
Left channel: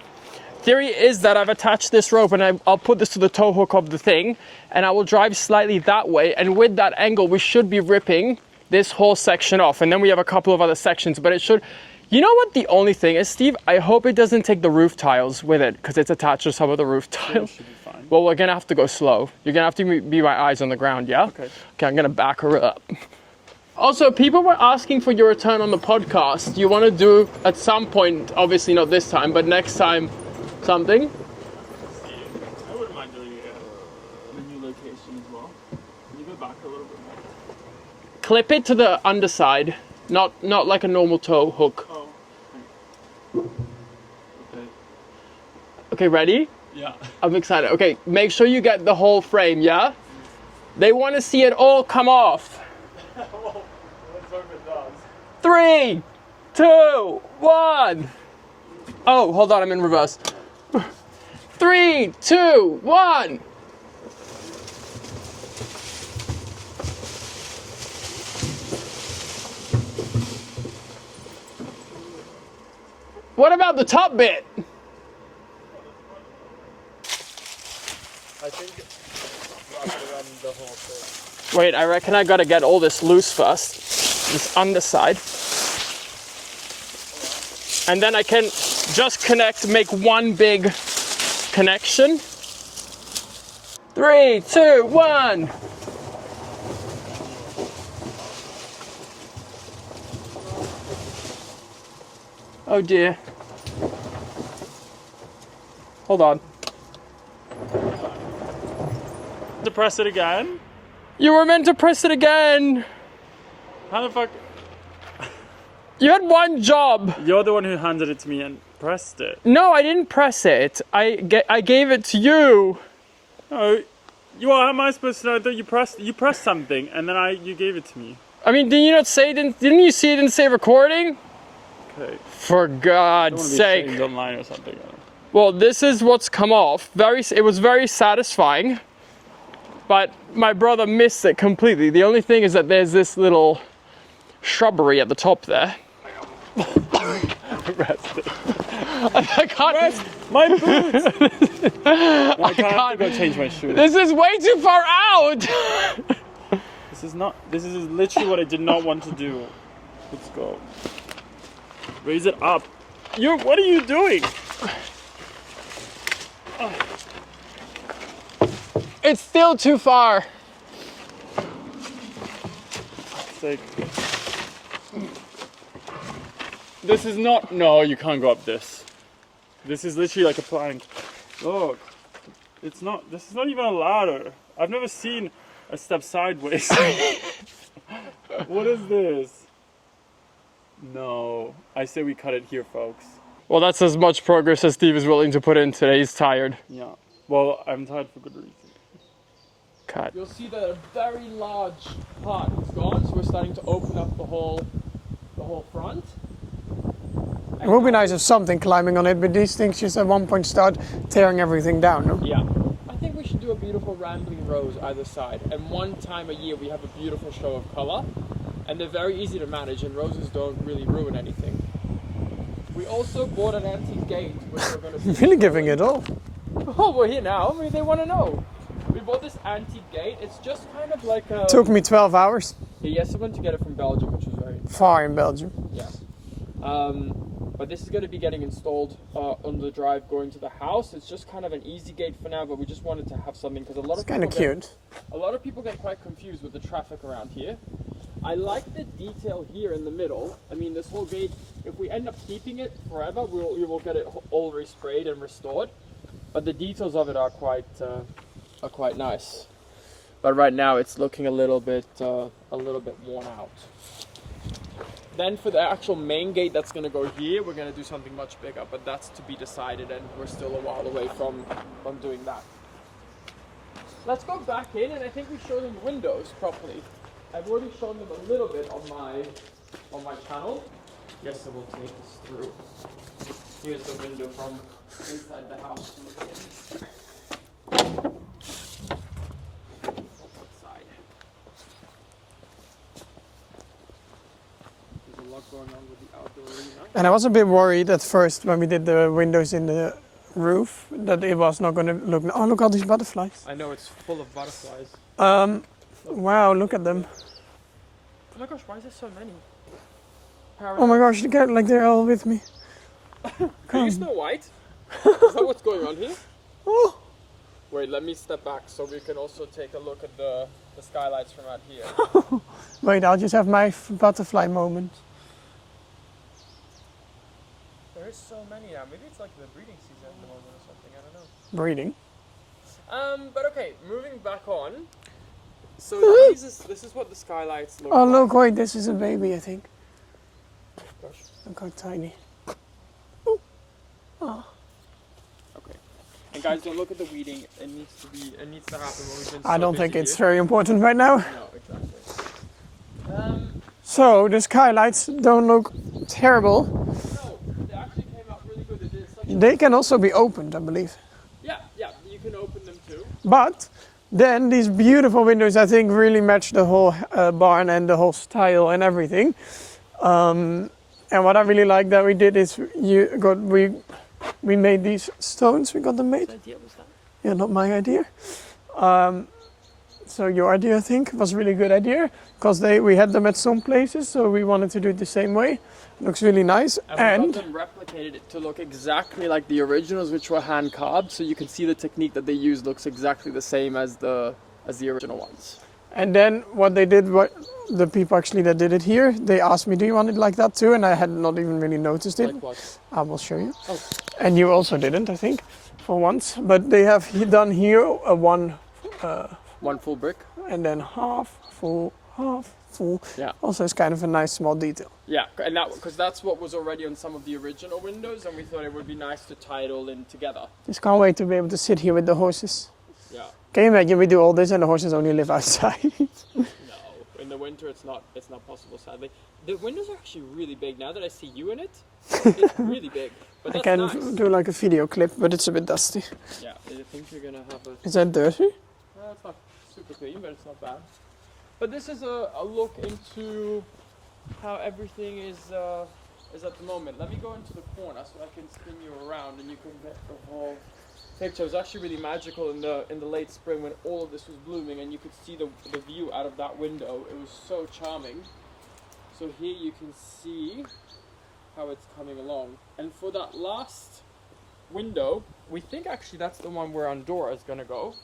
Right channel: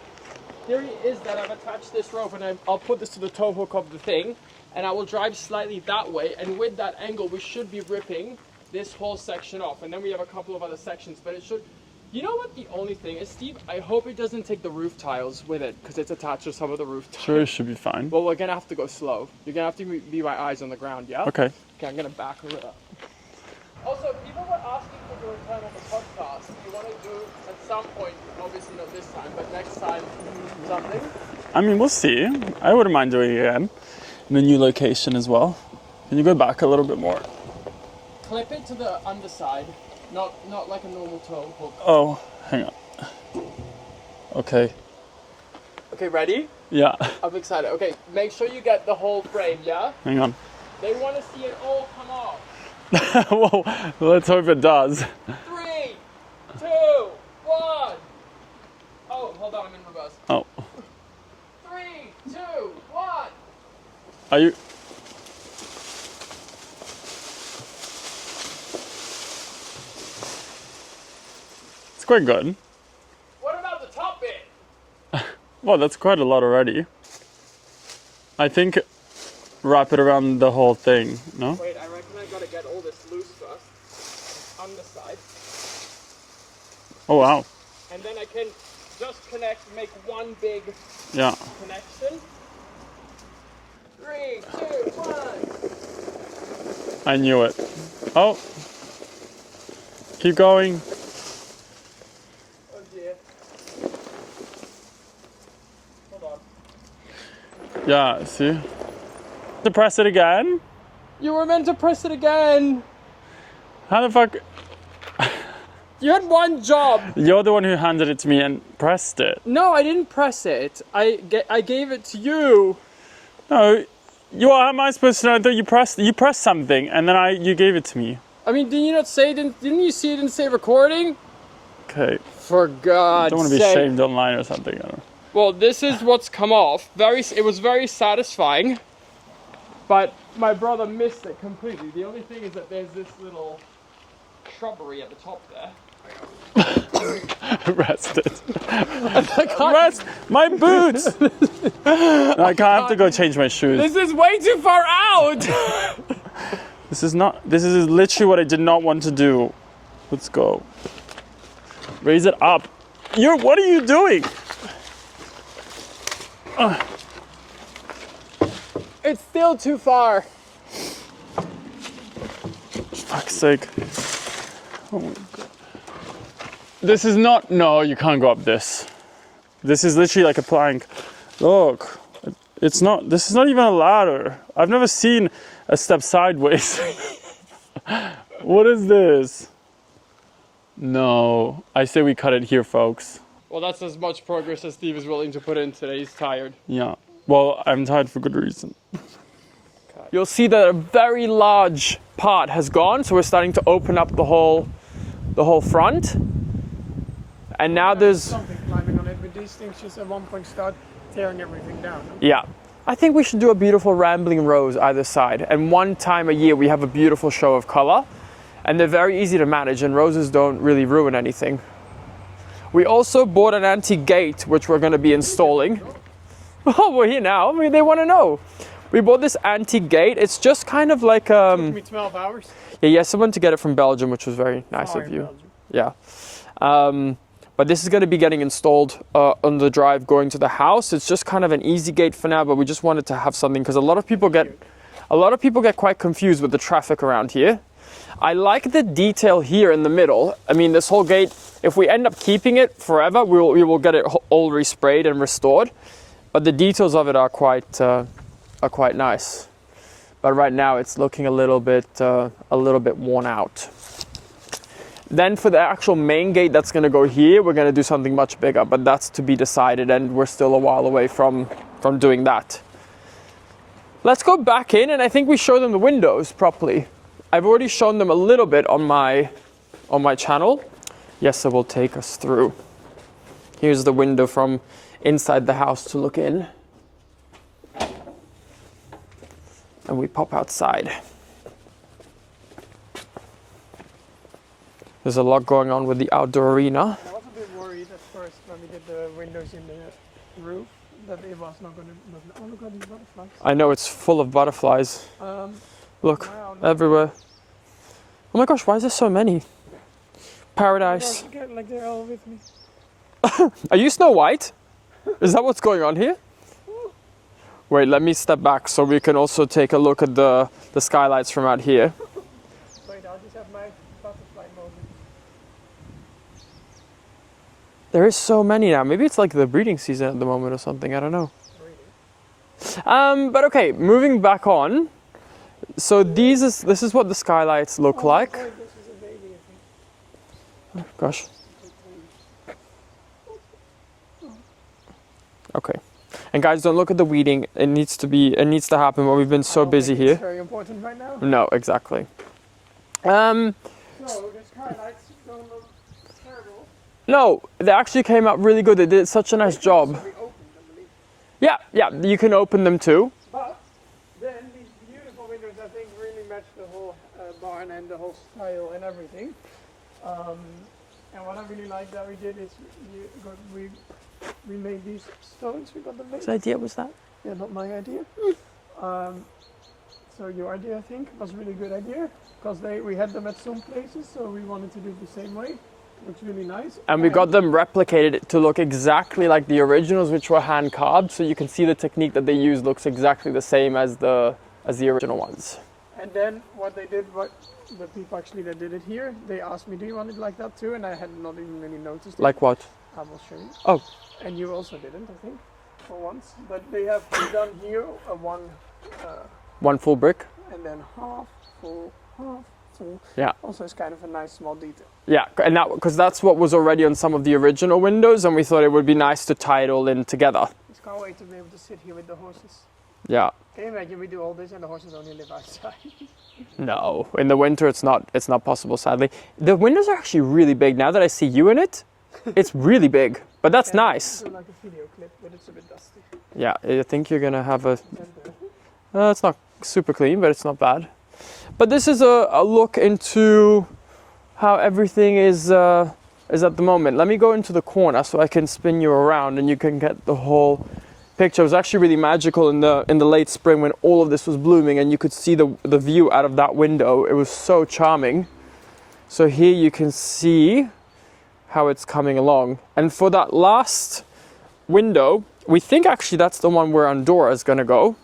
Theory is that I've attached this rope, and I'll put this to the tow hook of the thing, and I will drive slightly that way, and with that angle we should be ripping this whole section off, and then we have a couple of other sections, but it should. You know what the only thing is, Steve? I hope it doesn't take the roof tiles with it, because it's attached to some of the roof tiles. It should be fine. Well, we're gonna have to go slow. You're gonna have to be my eyes on the ground, yeah? Okay. Okay, I'm gonna back her up. Also, people were asking for your return on the podcast. You want to do at some point, obviously not this time, but next time, something? I mean, we'll see. I wouldn't mind doing it again. In a new location as well. Can you go back a little bit more? Clip it to the underside, not like a normal tow hook. Oh, hang on. Okay. Okay, ready? Yeah. I'm excited. Okay, make sure you get the whole frame, yeah? Hang on. They want to see it all come off. Well, let's hope it does. 3, 2, 1. Oh, hold on, I'm in reverse. Oh. 3, 2, 1. Are you... It's quite good. What about the top bit? Well, that's quite a lot already. I think wrap it around the whole thing, no? Wait, I reckon I gotta get all this loose first. This underside. Oh, wow. And then I can just make one big connection. 3, 2, 1. I knew it. Oh. Keep going. Oh dear. Hold on. Yeah, see? To press it again? You were meant to press it again. How the fuck? You had one job. You're the one who handed it to me and pressed it. No, I didn't press it. I gave it to you. No, how am I supposed to know that you pressed something and then you gave it to me? I mean, did you not say, didn't you see it didn't say recording? Okay. For God's Don't want to be sake. shamed online or something. I don't know. Well, this is what's come off. It was very satisfying, but my brother missed it completely. The only thing is that there's this little shrubbery at the top there. Rest it. I can't. Rest my boots! I have to go change my shoes. This is way too far out! This is literally what I did not want to do. Let's go. Raise it up. What are you doing? It's still too far. Fuck's sake. Oh my God. This is not, no, you can't go up this. This is literally like a plank. Look, this is not even a ladder. I've never seen a step sideways. What is this? No, I say we cut it here, folks. Well, that's as much progress as Steve is willing to put in today. He's tired. Yeah, well, I'm tired for good reason. Cut. You'll see that a very large part has gone, so we're starting to open up the whole front. And It would now be nice if there's something climbing on it, but these things just at one point start tearing everything down. No? yeah. I think we should do a beautiful rambling rose either side. And one time a year we have a beautiful show of color, and they're very easy to manage. And roses don't really ruin anything. We also bought an antique gate, which we're going to be You're installing. giving it all. Oh, we're here now. I mean, they want to know. We bought this antique gate. It's just kind of like Took me 12 hours. yeah, someone to get it from Belgium, which was very nice Far of in you. Belgium. Yeah. But this is going to be getting installed on the drive going to the house. It's just kind of an easy gate for now, but we just wanted to have something because a lot of people get quite confused with the traffic around here. I like the detail here in the middle. I mean, this whole gate, if we end up keeping it forever, we will get it all resprayed and restored. But the details of it are quite nice. But right now it's looking a little bit worn out. Then for the actual main gate that's going to go here, we're going to do something much bigger, but that's to be decided, and we're still a while away from doing that. Let's go back in, and I think we show them the windows properly. I've already shown them a little bit on my channel. Yes, it will take us through. Here's the window from inside the house to look in. And we pop outside. There's a lot going on with the outdoor arena. And I was a bit worried at first when we did the windows in the roof that it was not going to look. Oh, look all these butterflies. I know, it's full of butterflies. Look, wow, look everywhere. at them. Oh my gosh, why is there so many? Paradise. Oh my gosh, look at, like they're all with me. Are you Snow White? Is that what's going on here? Oh. Wait, let me step back so we can also take a look at the skylights from out here. Wait, I'll just have my butterfly moment. There is so many now. Maybe it's like the breeding season at the moment or something. I don't know. Breeding. But okay, moving back on. So this is what the skylights look Oh like. look, wait, this is a baby, I think. Gosh. Look how tiny. Okay. And guys, don't look at the weeding. It needs to happen. But we've been I so don't busy think here. it's very important right now. No, exactly. So the skylights don't look terrible. No, they actually came out really good. They did such a nice job. They can also be opened, I believe. Yeah, you can open them too. But then these beautiful windows, I think, really match the whole barn and the whole style and everything. And what I really like that we did is we made these stones. We got them made. Whose idea was that? Yeah, not my idea. So your idea, I think, was a really good idea because we had them at some places, so we wanted to do it the same way. Looks really nice. And we got them replicated to look exactly like the originals, which were hand carved. So you can see the technique that they used looks exactly the same as the original ones. And then what they did, the people actually that did it here, they asked me, do you want it like that too? And I had not even really noticed it. Like what? I will show you. Oh. And you also didn't, I think, for once. But they have done here a one full brick. And then half full, half full. Yeah. Also, it's kind of a nice small detail. Yeah, and because that's what was already on some of the original windows, and we thought it would be nice to tie it all in together. Just can't wait to be able to sit here with the horses. Yeah. Can you imagine we do all this and the horses only live outside? No, in the winter it's not possible, sadly. The windows are actually really big. Now that I see you in it, it's really big. But that's nice. Do like a video clip, but it's a bit dusty. Yeah, I think you're gonna have a. Is that dirty? It's not super clean, but it's not bad. But this is a look into how everything is at the moment. Let me go into the corner so I can spin you around and you can get the whole picture. It was actually really magical in the late spring when all of this was blooming and you could see the view out of that window. It was so charming. So here you can see how it's coming along. And for that last window, we think actually that's the one where Andorra is gonna go.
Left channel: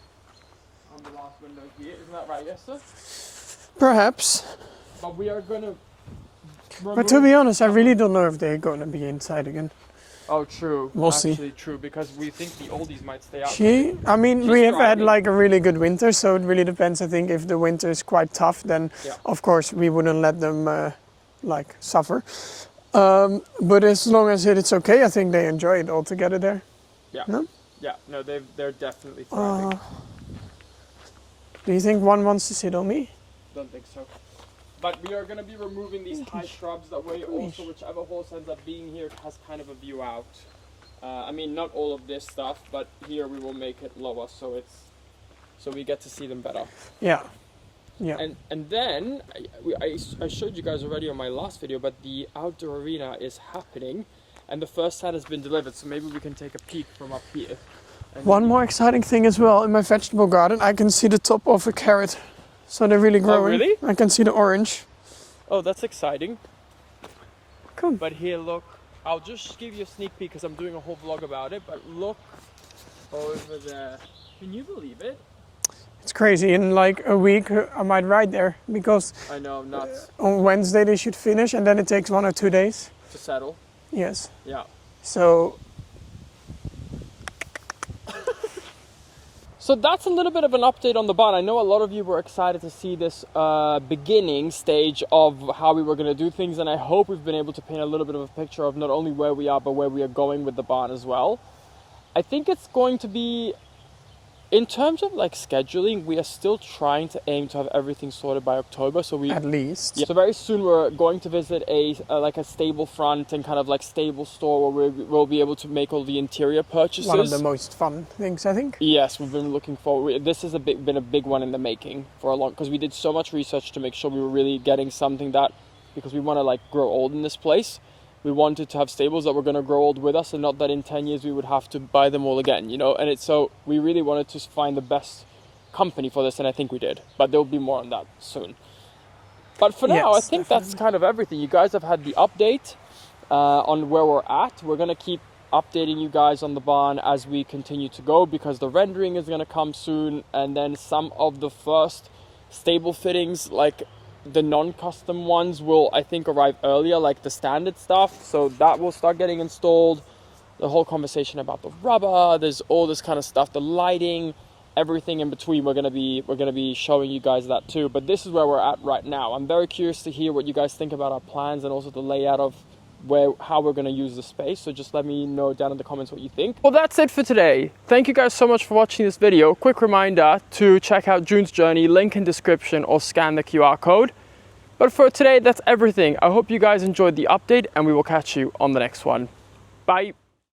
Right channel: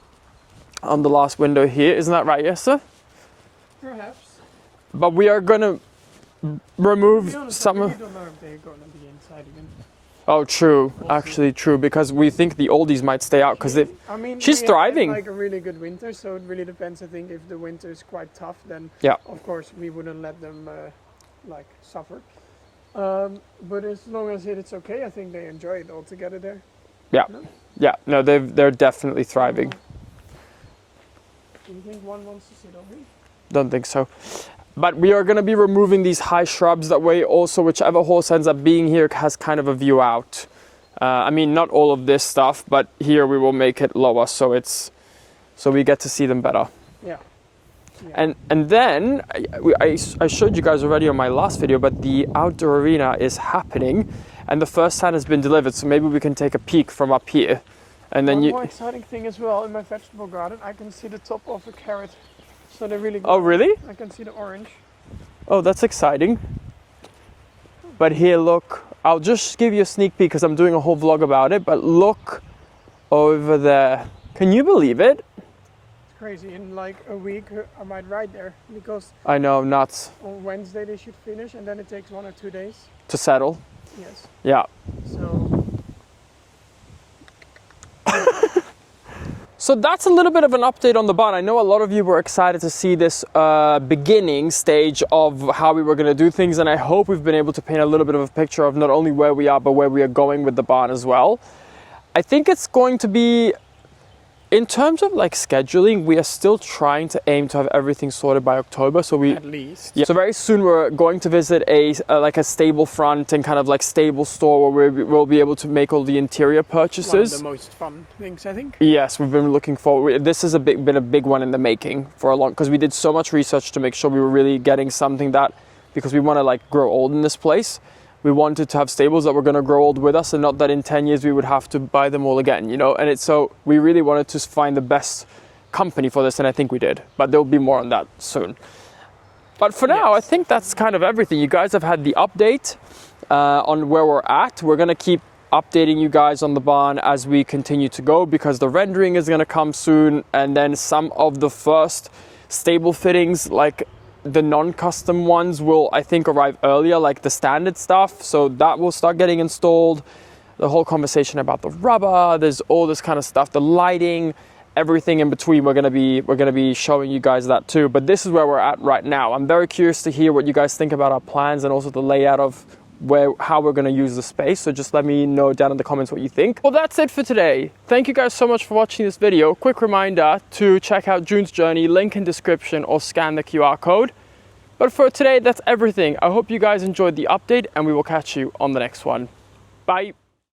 On the last window here, isn't that right, Jesse? Perhaps. But we are gonna remove. But to be honest, I really don't know if they're gonna be inside again. Oh, true. We'll actually, true, because we think the oldies might stay out. We have thriving. had like a really good winter, so it really depends. I think if the winter is quite tough, then of course we wouldn't let them like suffer. But as long as it's okay, I think they enjoy it all together there. Yeah. No? Yeah. No, they're definitely thriving. Do you think one wants to sit on me? Don't think so. But we are gonna be removing these high shrubs, that way also whichever horse ends up being here has kind of a view out. I mean, not all of this stuff, but here we will make it lower so we get to see them better. Yeah. Yeah. And then I showed you guys already on my last video, but the outdoor arena is happening and the first stand has been delivered, so maybe we can take a peek from up here. And then One more exciting thing as well, in my vegetable garden, I can see the top of a carrot. So they're really growing. Oh, really? I can see the orange. Oh, that's exciting. Cool. But here, look, I'll just give you a sneak peek because I'm doing a whole vlog about it, but look over there. Can you believe it? It's crazy. In like a week, I might ride there because I know, nuts. on Wednesday they should finish and then it takes 1 or 2 days. To settle. Yes. Yeah. So So that's a little bit of an update on the barn. I know a lot of you were excited to see this beginning stage of how we were going to do things, and I hope we've been able to paint a little bit of a picture of not only where we are, but where we are going with the barn as well. I think it's going to be, in terms of like scheduling, we are still trying to aim to have everything sorted by October. So we at least. Yeah. So very soon we're going to visit like a stable front and kind of like stable store where we'll be able to make all the interior purchases. One of the most fun things, I think. Yes, we've been looking forward. This has been a big one in the making for a long, because we did so much research to make sure we were really getting something that, because we want to like grow old in this place. We wanted to have stables that were going to grow old with us, and not that in 10 years we would have to buy them all again, you know? And so we really wanted to find the best company for this, and I think we did. But there'll be more on that soon. But for now, I think that's kind of everything. You guys have had the update on where we're at. We're going to keep updating you guys on the barn as we continue to go, because the rendering is going to come soon, and then some of the first stable fittings, like the non-custom ones, will I think arrive earlier, like the standard stuff, so that will start getting installed. The whole conversation about the rubber, there's all this kind of stuff, the lighting, everything in between, we're gonna be showing you guys that too. But this is where we're at right now. I'm very curious to hear what you guys think about our plans and also the layout of how we're gonna use the space. So just let me know down in the comments what you think. Well, that's it for today. Thank you guys so much for watching this video. Quick reminder to check out June's journey, link in description, or scan the QR code. But for today, that's everything. I hope you guys enjoyed the update, and we will catch you on the next one. Bye.